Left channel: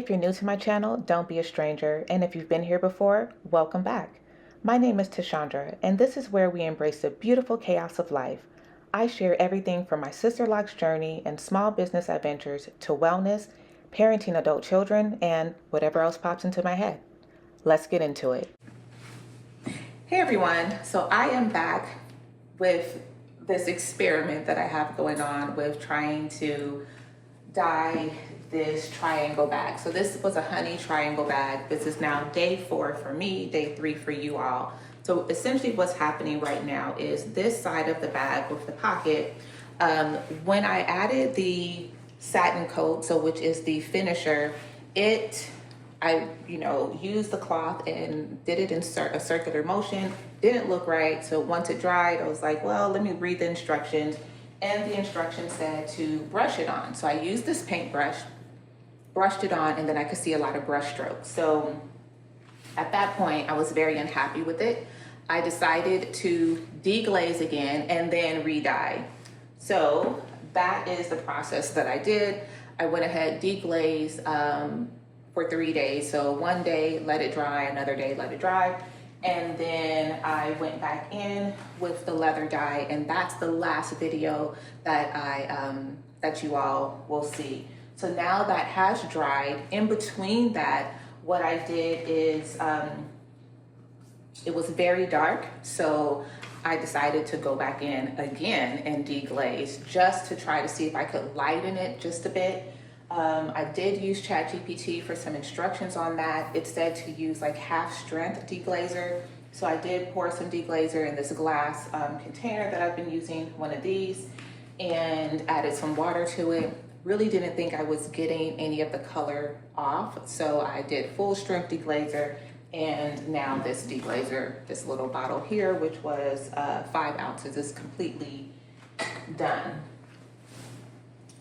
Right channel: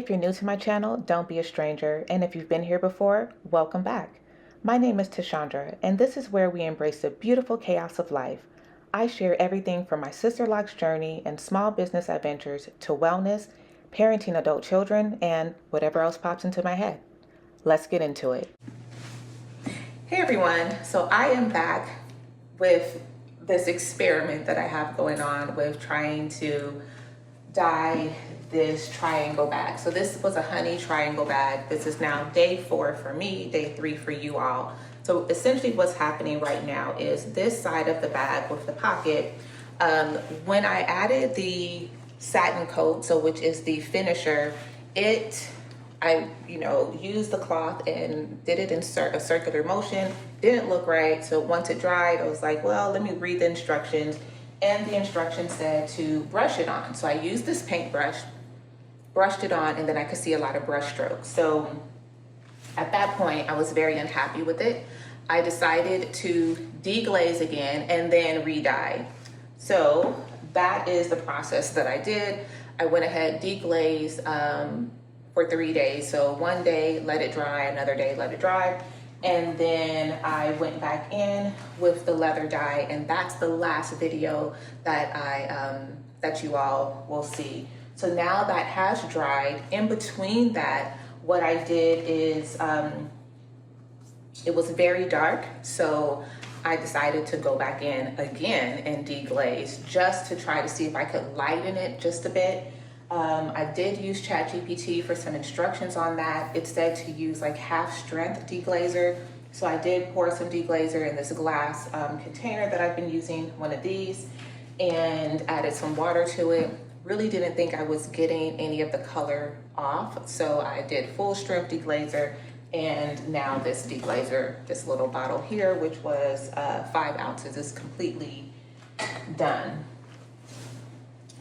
If you're new to my channel, don't be a stranger, and if you've been here before, welcome back. My name is Tashandra, and this is where we embrace the beautiful chaos of life. I share everything from my sister-locke's journey and small business adventures to wellness, parenting adult children, and whatever else pops into my head. Let's get into it. Hey everyone, so I am back with this experiment that I have going on with trying to dye this triangle bag. So this was a honey triangle bag. This is now day 4 for me, day 3 for you all. So essentially what's happening right now is this side of the bag with the pocket, when I added the satin coat, so which is the finisher, I used the cloth and did it in a circular motion. Didn't look right. So once it dried, I was like, well, let me read the instructions. And the instructions said to brush it on. So I used this paintbrush, brushed it on, and then I could see a lot of brush strokes. So at that point, I was very unhappy with it. I decided to deglaze again and then re-dye. So that is the process that I did. I went ahead, deglazed for 3 days. So one day, let it dry, another day, let it dry. And then I went back in with the leather dye, and that's the last video that that you all will see. So now that has dried, in between that, what I did is, it was very dark, so I decided to go back in again and deglaze just to try to see if I could lighten it just a bit. I did use ChatGPT for some instructions on that. It said to use like half strength deglazer. So I did pour some deglazer in this glass container that I've been using, one of these, and added some water to it. Really didn't think I was getting any of the color off. So I did full strength deglazer, and now this deglazer, this little bottle here, which was 5 ounces, is completely done.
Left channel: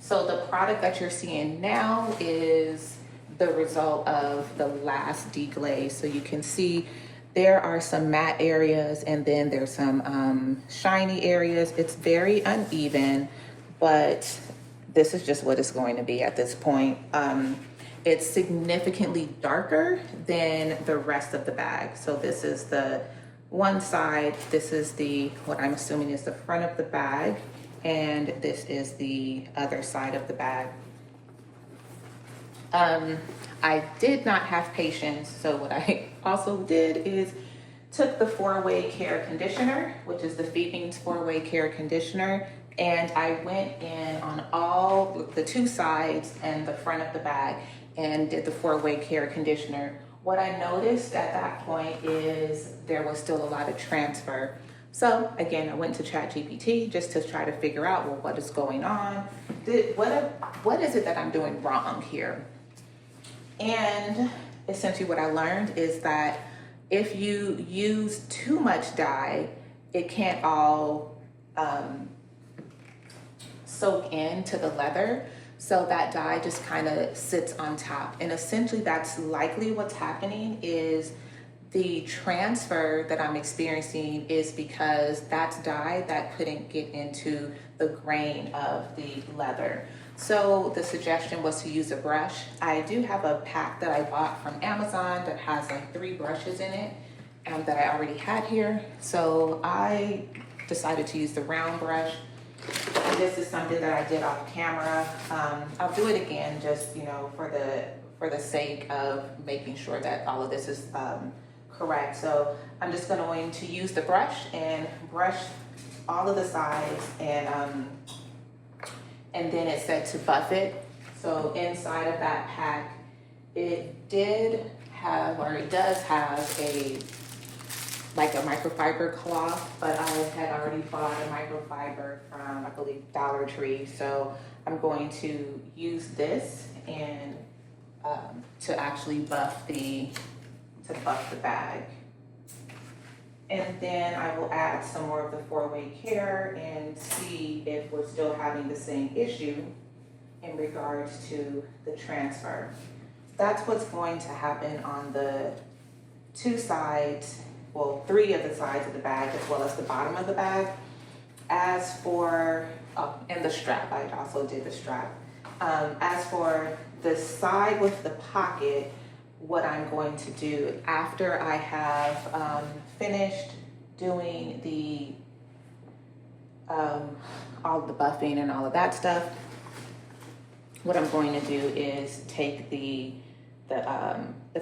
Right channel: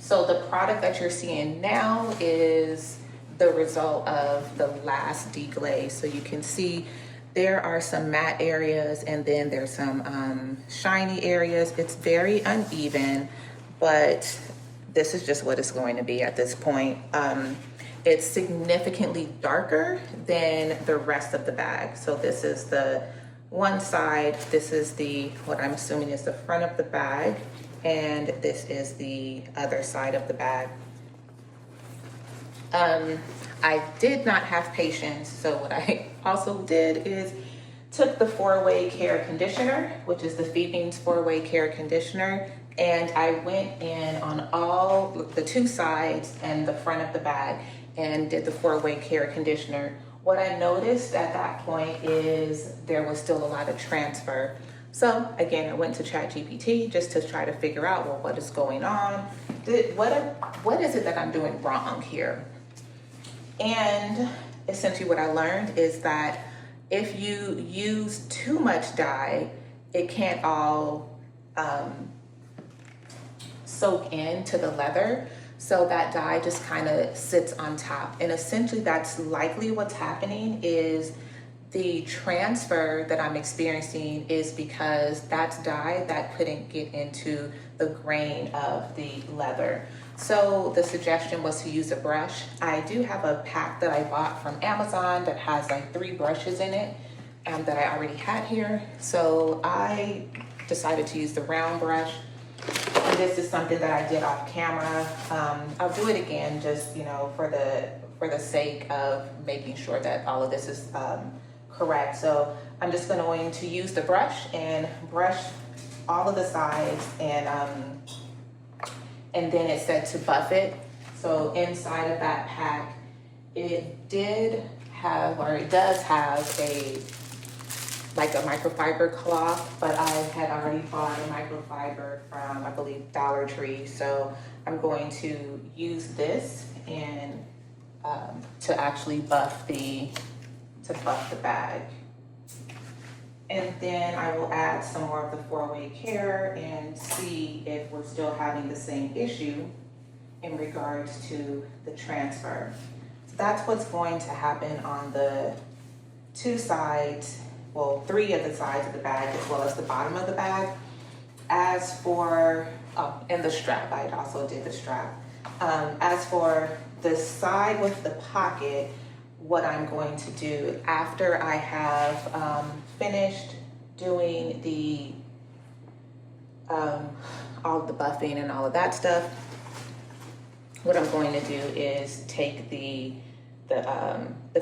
So the product that you're seeing now is the result of the last deglaze. So you can see there are some matte areas and then there's some shiny areas. It's very uneven, but this is just what it's going to be at this point. It's significantly darker than the rest of the bag. So this is the one side, this is what I'm assuming is the front of the bag, and this is the other side of the bag. I did not have patience, so what I also did is took the 4-way care conditioner, which is the Feetings 4-way care conditioner, and I went in on all the 2 sides and the front of the bag and did the 4-way care conditioner. What I noticed at that point is there was still a lot of transfer. So again, I went to ChatGPT just to try to figure out, well, what is going on? What is it that I'm doing wrong here? And essentially what I learned is that if you use too much dye, it can't all soak into the leather. So that dye just kind of sits on top. And essentially that's likely what's happening is the transfer that I'm experiencing is because that's dye that couldn't get into the grain of the leather. So the suggestion was to use a brush. I do have a pack that I bought from Amazon that has like 3 brushes in it that I already had here. So I decided to use the round brush. And this is something that I did off camera. I'll do it again just, for the sake of making sure that all of this is correct. So I'm just going to use the brush and brush all of the sides, and then it said to buff it. So inside of that pack, it does have a microfiber cloth, but I had already bought a microfiber from, I believe, Dollar Tree. So I'm going to use this and to actually buff the bag. And then I will add some more of the 4-way care and see if we're still having the same issue in regards to the transfer. So that's what's going to happen on the 2 sides, well, 3 of the sides of the bag, as well as the bottom of the bag. As for, and the strap, I also did the strap. As for the side with the pocket, what I'm going to do after I have finished doing the all the buffing and all of that stuff, what I'm going to do is take the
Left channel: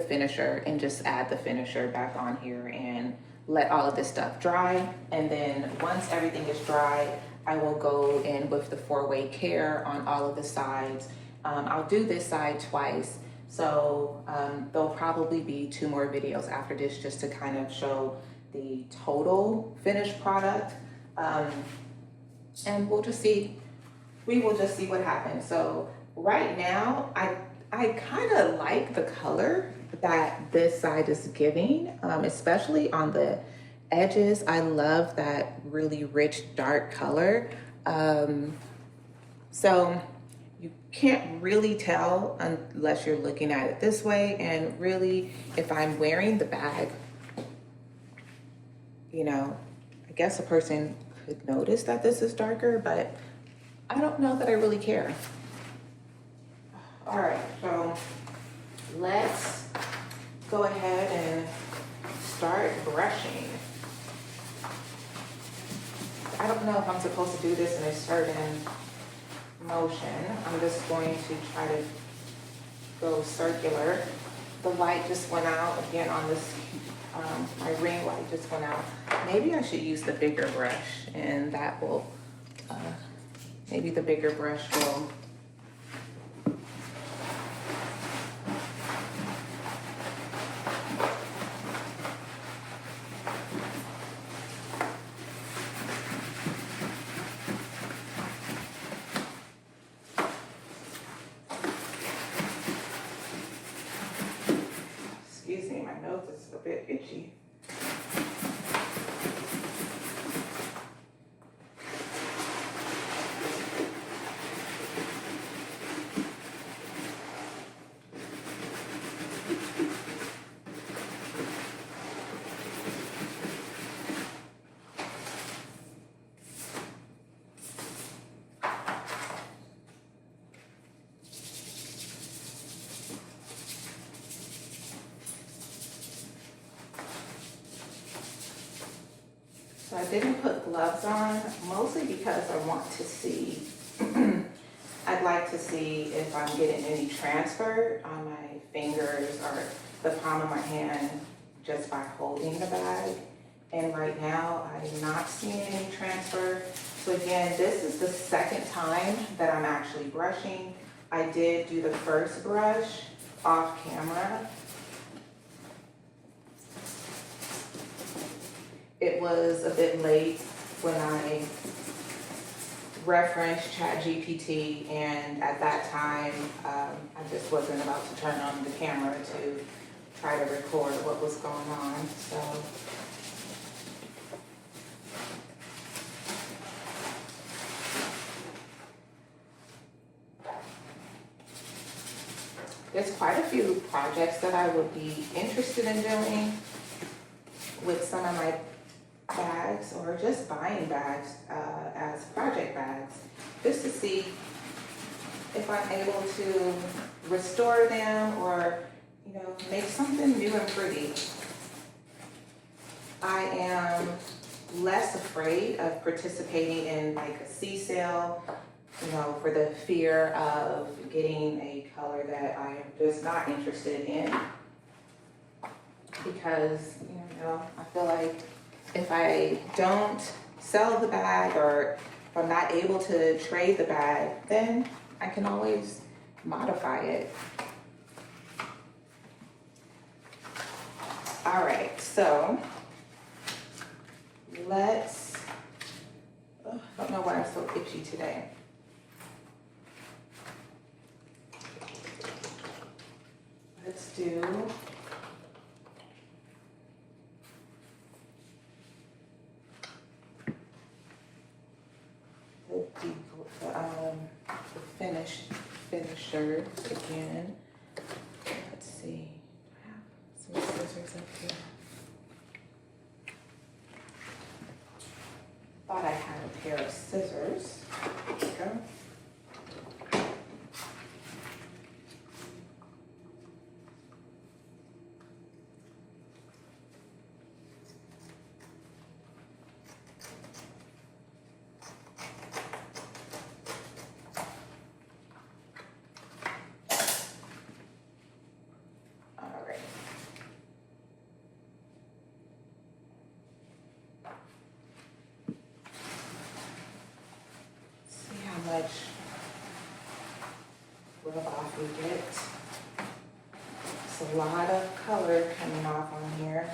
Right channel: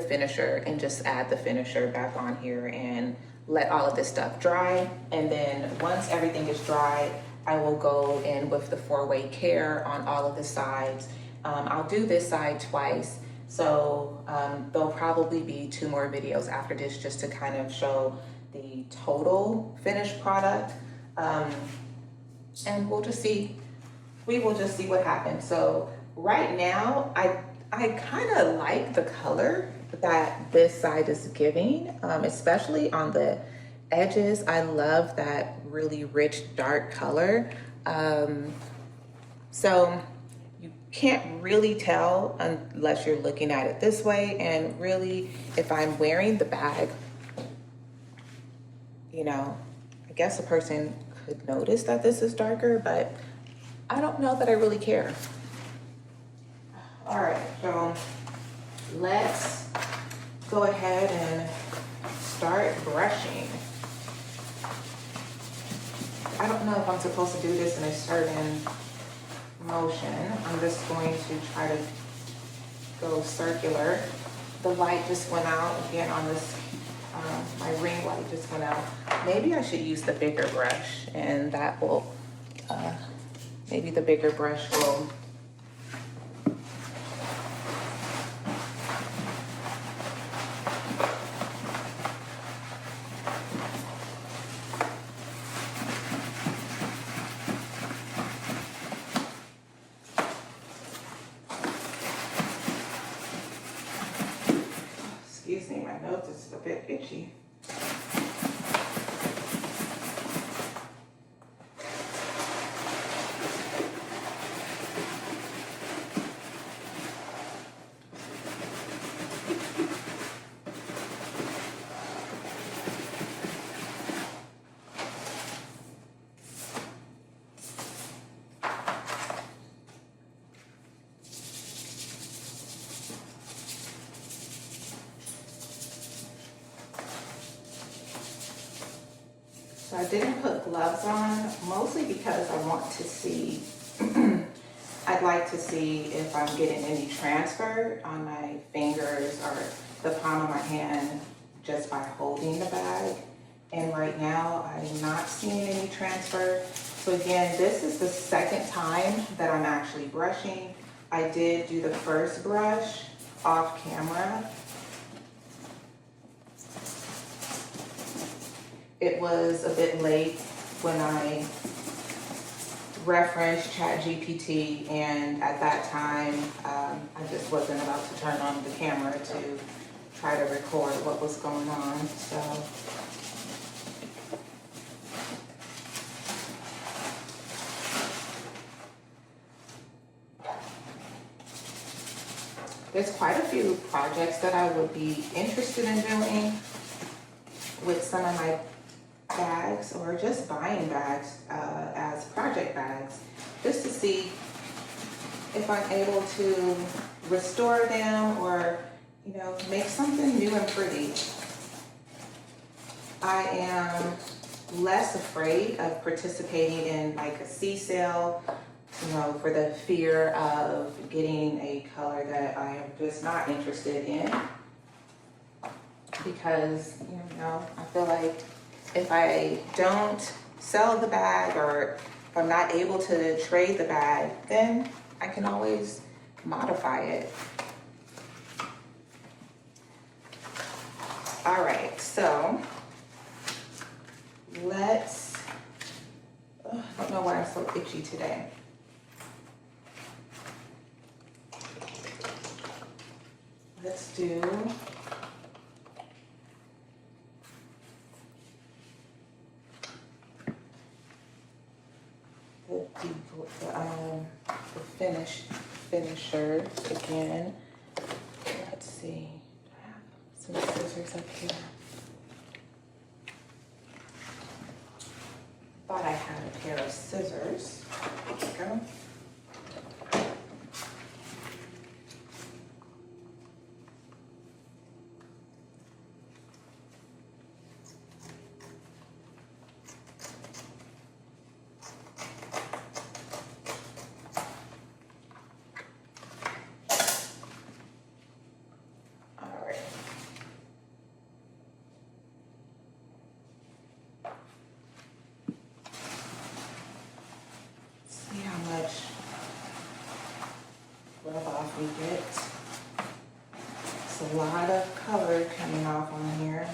finisher and just add the finisher back on here and let all of this stuff dry. And then once everything is dry, I will go in with the 4-way care on all of the sides. I'll do this side twice, so there'll probably be 2 more videos after this just to kind of show the total finished product. And we'll just see, we will just see what happens. So right now, I kind of like the color that this side is giving, especially on the edges. I love that really rich dark color. So you can't really tell unless you're looking at it this way. And really, if I'm wearing the bag, you know, I guess a person could notice that this is darker, but I don't know that I really care. All right, so let's go ahead and start brushing. I don't know if I'm supposed to do this in a certain motion. I'm just going to try to go circular. The light just went out again on this, my ring light just went out. Maybe I should use the bigger brush, and that will, maybe the bigger brush will itchy. So I didn't put gloves on, mostly because I want to see, I'd like to see if I'm getting any transfer on my fingers or the palm of my hand just by holding the bag. And right now, I'm not seeing any transfer. So again, this is the second time that I'm actually brushing. I did do the first brush off camera. It was a bit late when I referenced ChatGPT, and at that time, I just wasn't about to turn on the camera to try to record what was going on. So there's quite a few projects that I would be interested in doing with some of my bags, or just buying bags as project bags, just to see if I'm able to restore them or, you know, make something new and pretty. I am less afraid of participating in like a sea sale, you know, for the fear of getting a color that I am just not interested in, because, you know, I feel like if I don't sell the bag, or if I'm not able to trade the bag, then I can always modify it. All right, so let's, I don't know why I'm so itchy today. Let's do the finisher again. Let's see. I have some scissors up here. Thought I had a pair of scissors. There we go. we get a lot of color coming off on here.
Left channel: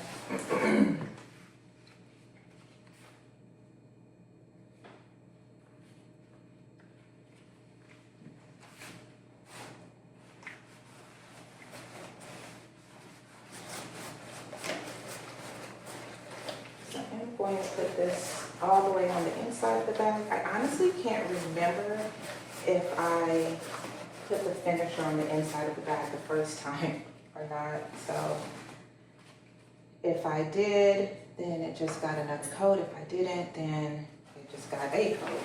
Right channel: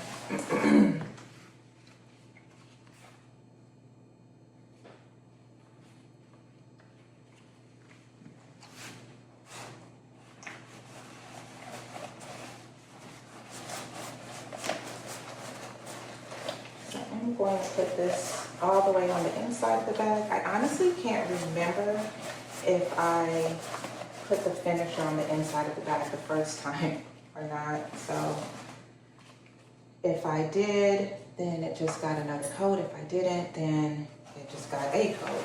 I'm going to put this all the way on the inside of the bag. I honestly can't remember if I put the finisher on the inside of the bag the first time or not. So if I did, then it just got another coat. If I didn't, then it just got a coat.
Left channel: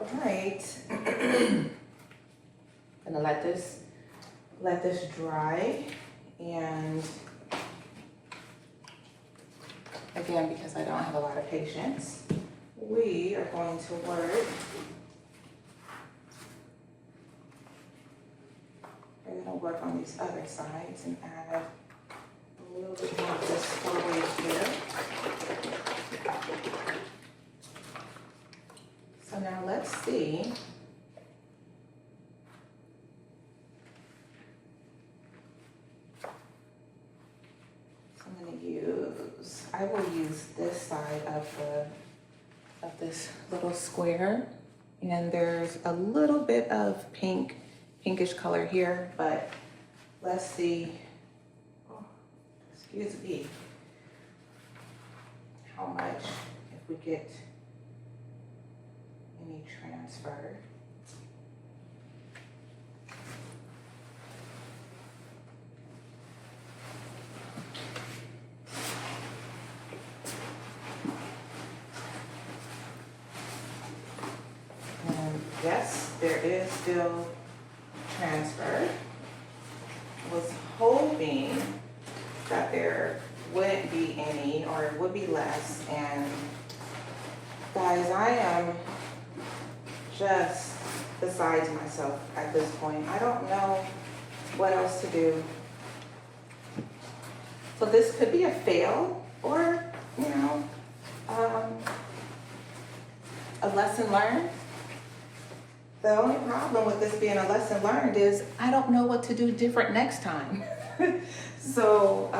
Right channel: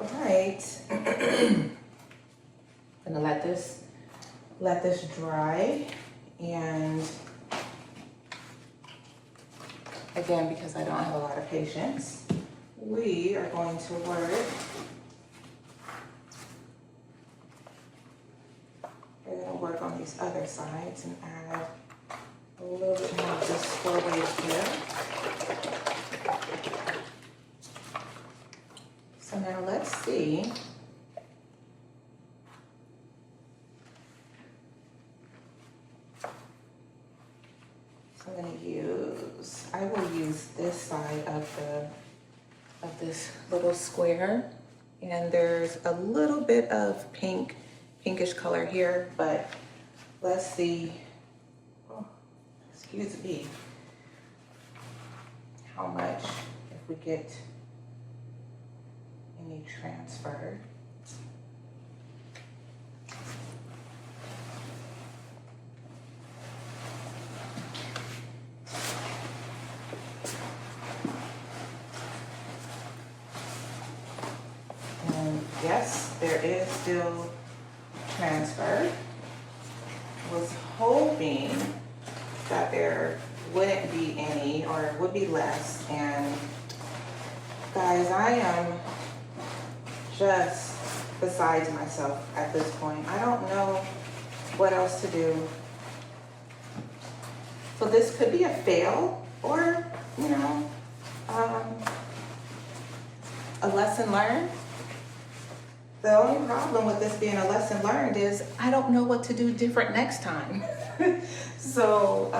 All right, gonna let this dry, and again, because I don't have a lot of patience, we are going to work. We're gonna work on these other sides and add a little bit more of this 4-way here. So now let's see. So I'm going to use, I will use this side of this little square, and there's a little bit of pinkish color here, but let's see. Oh, excuse me. How much if we get any transfer. And yes, there is still transfer. I was hoping that there wouldn't be any, or it would be less. And guys, I am just besides myself at this point. I don't know what else to do. So this could be a fail, or, you know, a lesson learned. The only problem with this being a lesson learned is I don't know what to do different next time. So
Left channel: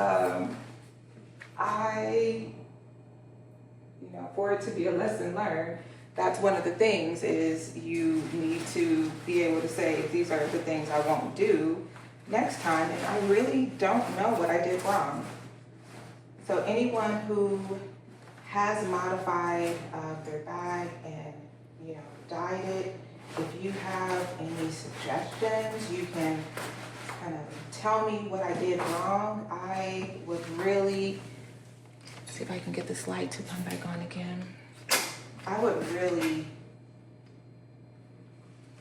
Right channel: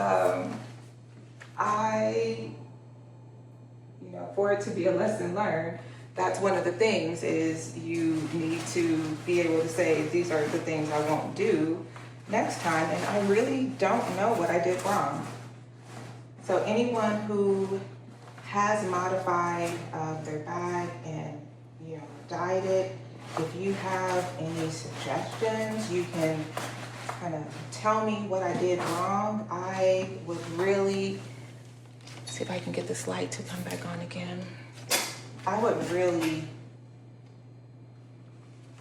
for it to be a lesson learned, that's one of the things, is you need to be able to say, these are the things I won't do next time. And I really don't know what I did wrong. So anyone who has modified their bag and, you know, dyed it, if you have any suggestions, you can kind of tell me what I did wrong. I would really, see if I can get this light to come back on again. I would really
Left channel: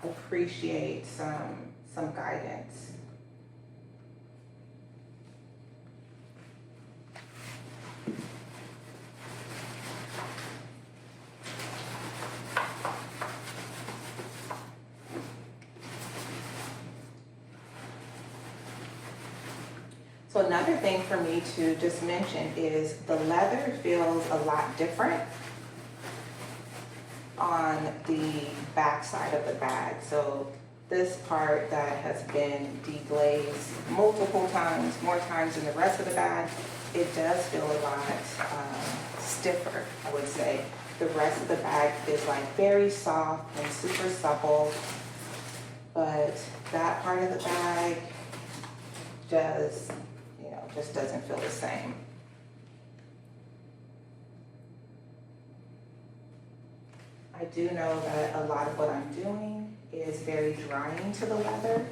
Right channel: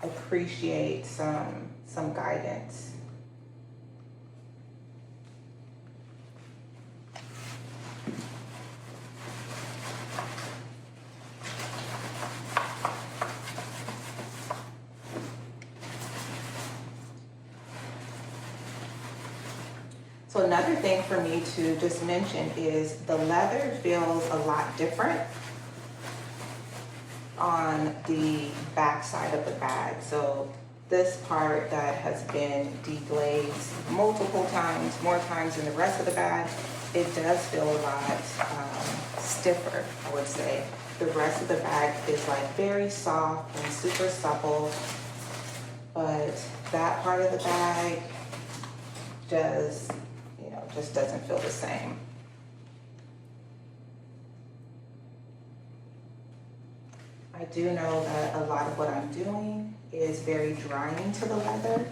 appreciate some guidance. So another thing for me to just mention is the leather feels a lot different on the back side of the bag. So this part that has been deglazed multiple times, more times than the rest of the bag, it does feel a lot stiffer, I would say. The rest of the bag is like very soft and super supple, but that part of the bag just doesn't feel the same. I do know that a lot of what I'm doing is very drying to the leather.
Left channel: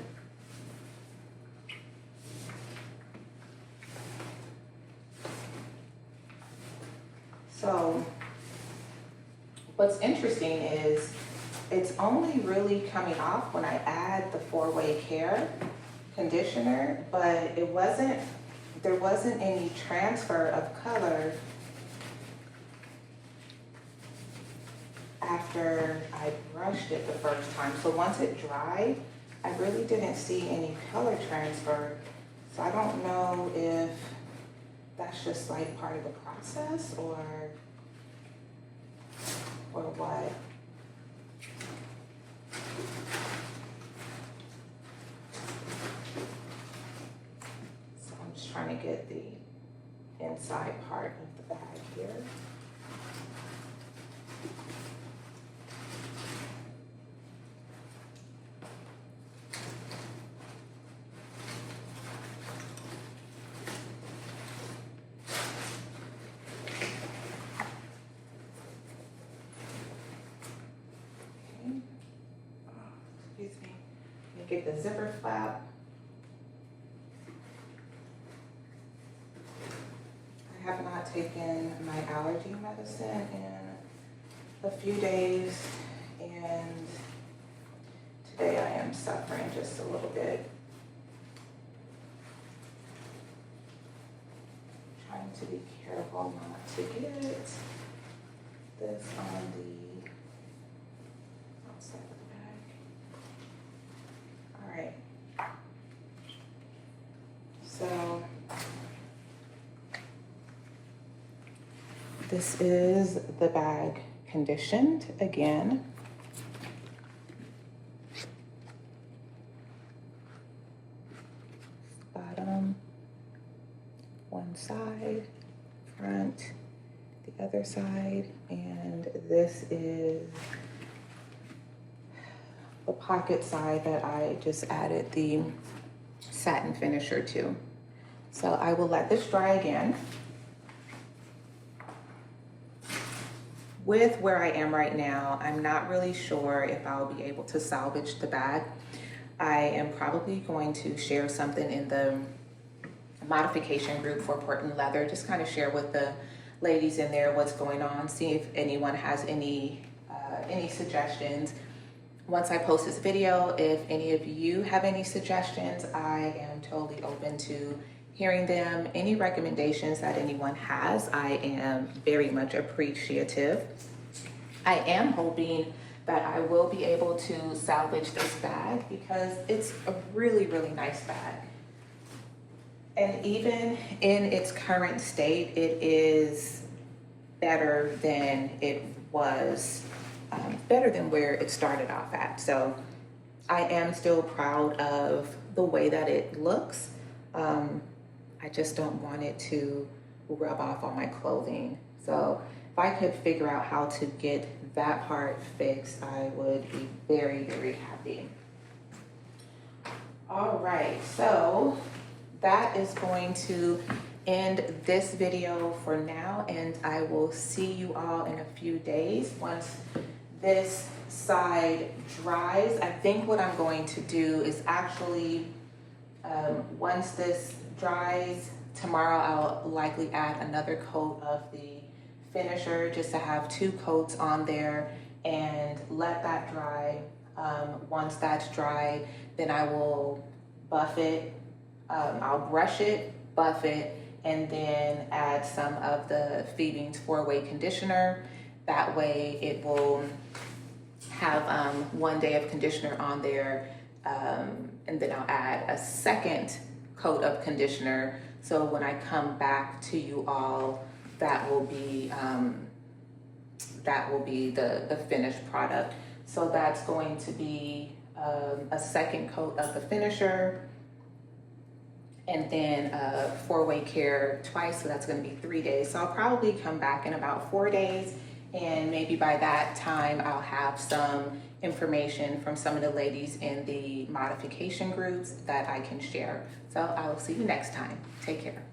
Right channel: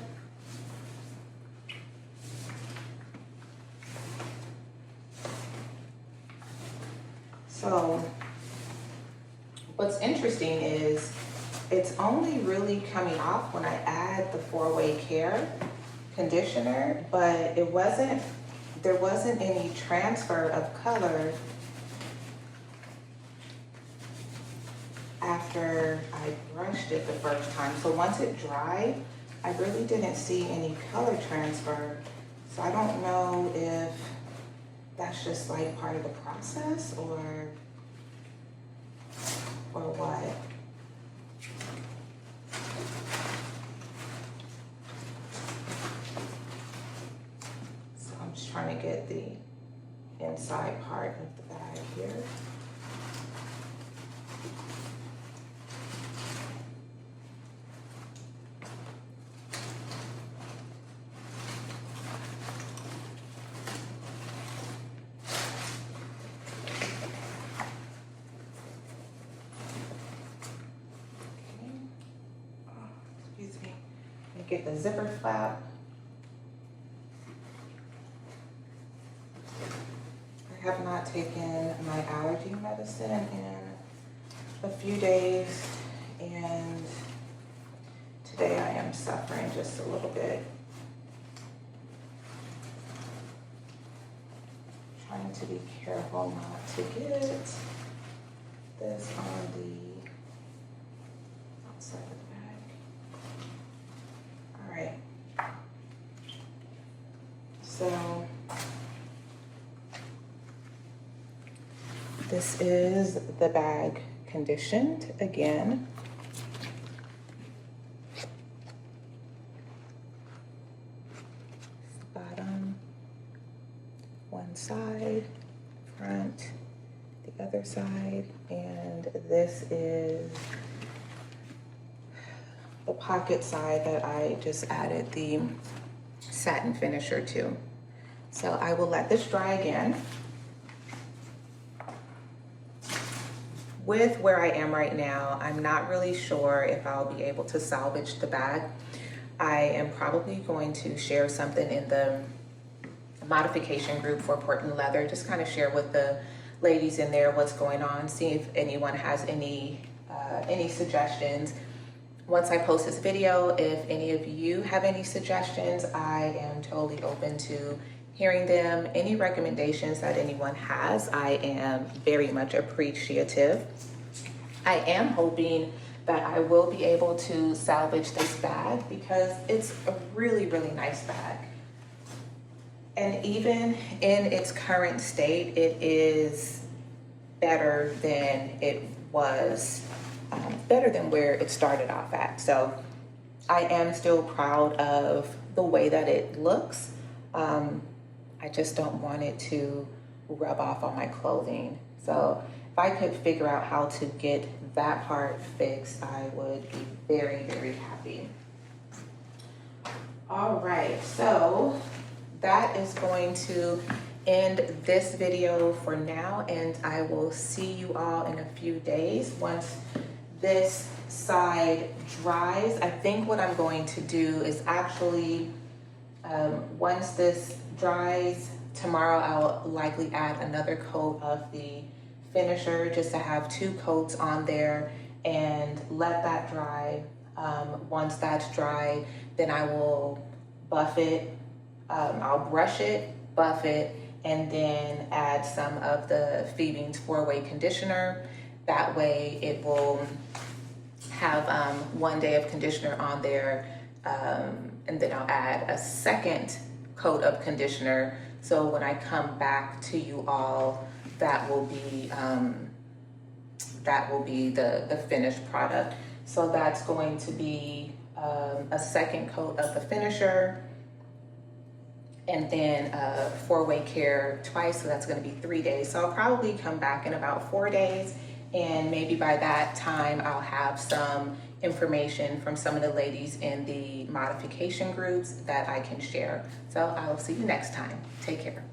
So what's interesting is it's only really coming off when I add the 4-way care conditioner, but there wasn't any transfer of color after I brushed it the first time. So once it dried, I really didn't see any color transfer. So I don't know if that's just like part of the process or what. So I'm just trying to get the inside part of the bag here. Get the zipper flap. I have not taken my allergy medicine in a few days, and today I am suffering just a little bit. Trying to be careful not to get this on the outside of the bag. All right, so this is the bag conditioned again. Bottom, one side, front, the other side, and this is the pocket side that I just added the satin finisher to. So I will let this dry again. With where I am right now, I'm not really sure if I'll be able to salvage the bag. I am probably going to share something in the modification group for Portland Leather, just kind of share with the ladies in there what's going on, see if anyone has any suggestions. Once I post this video, if any of you have any suggestions, I am totally open to hearing them. Any recommendations that anyone has, I am very much appreciative. I am hoping that I will be able to salvage this bag because it's a really, really nice bag. And even in its current state, it is better than it was, better than where it started off at. So I am still proud of the way that it looks. I just don't want it to rub off on my clothing. So if I could figure out how to get that part fixed, I would be very, very happy. All right, so that is going to end this video for now, and I will see you all in a few days once this side dries. I think what I'm going to do is actually, once this dries, tomorrow I'll likely add another coat of the finisher just to have 2 coats on there and let that dry. Once that's dry, then I will buff it. I'll brush it, buff it, and then add some of the Phoebe's 4-way conditioner. That way it will have 1 day of conditioner on there, and then I'll add a second coat of conditioner. So when I come back to you all, that will be the finished product. So that's going to be a second coat of the finisher, and then 4-way care twice, so that's going to be 3 days. So I'll probably come back in about 4 days, and maybe by that time I'll have some information from some of the ladies in the modification groups that I can share. So I will see you next time. Take care.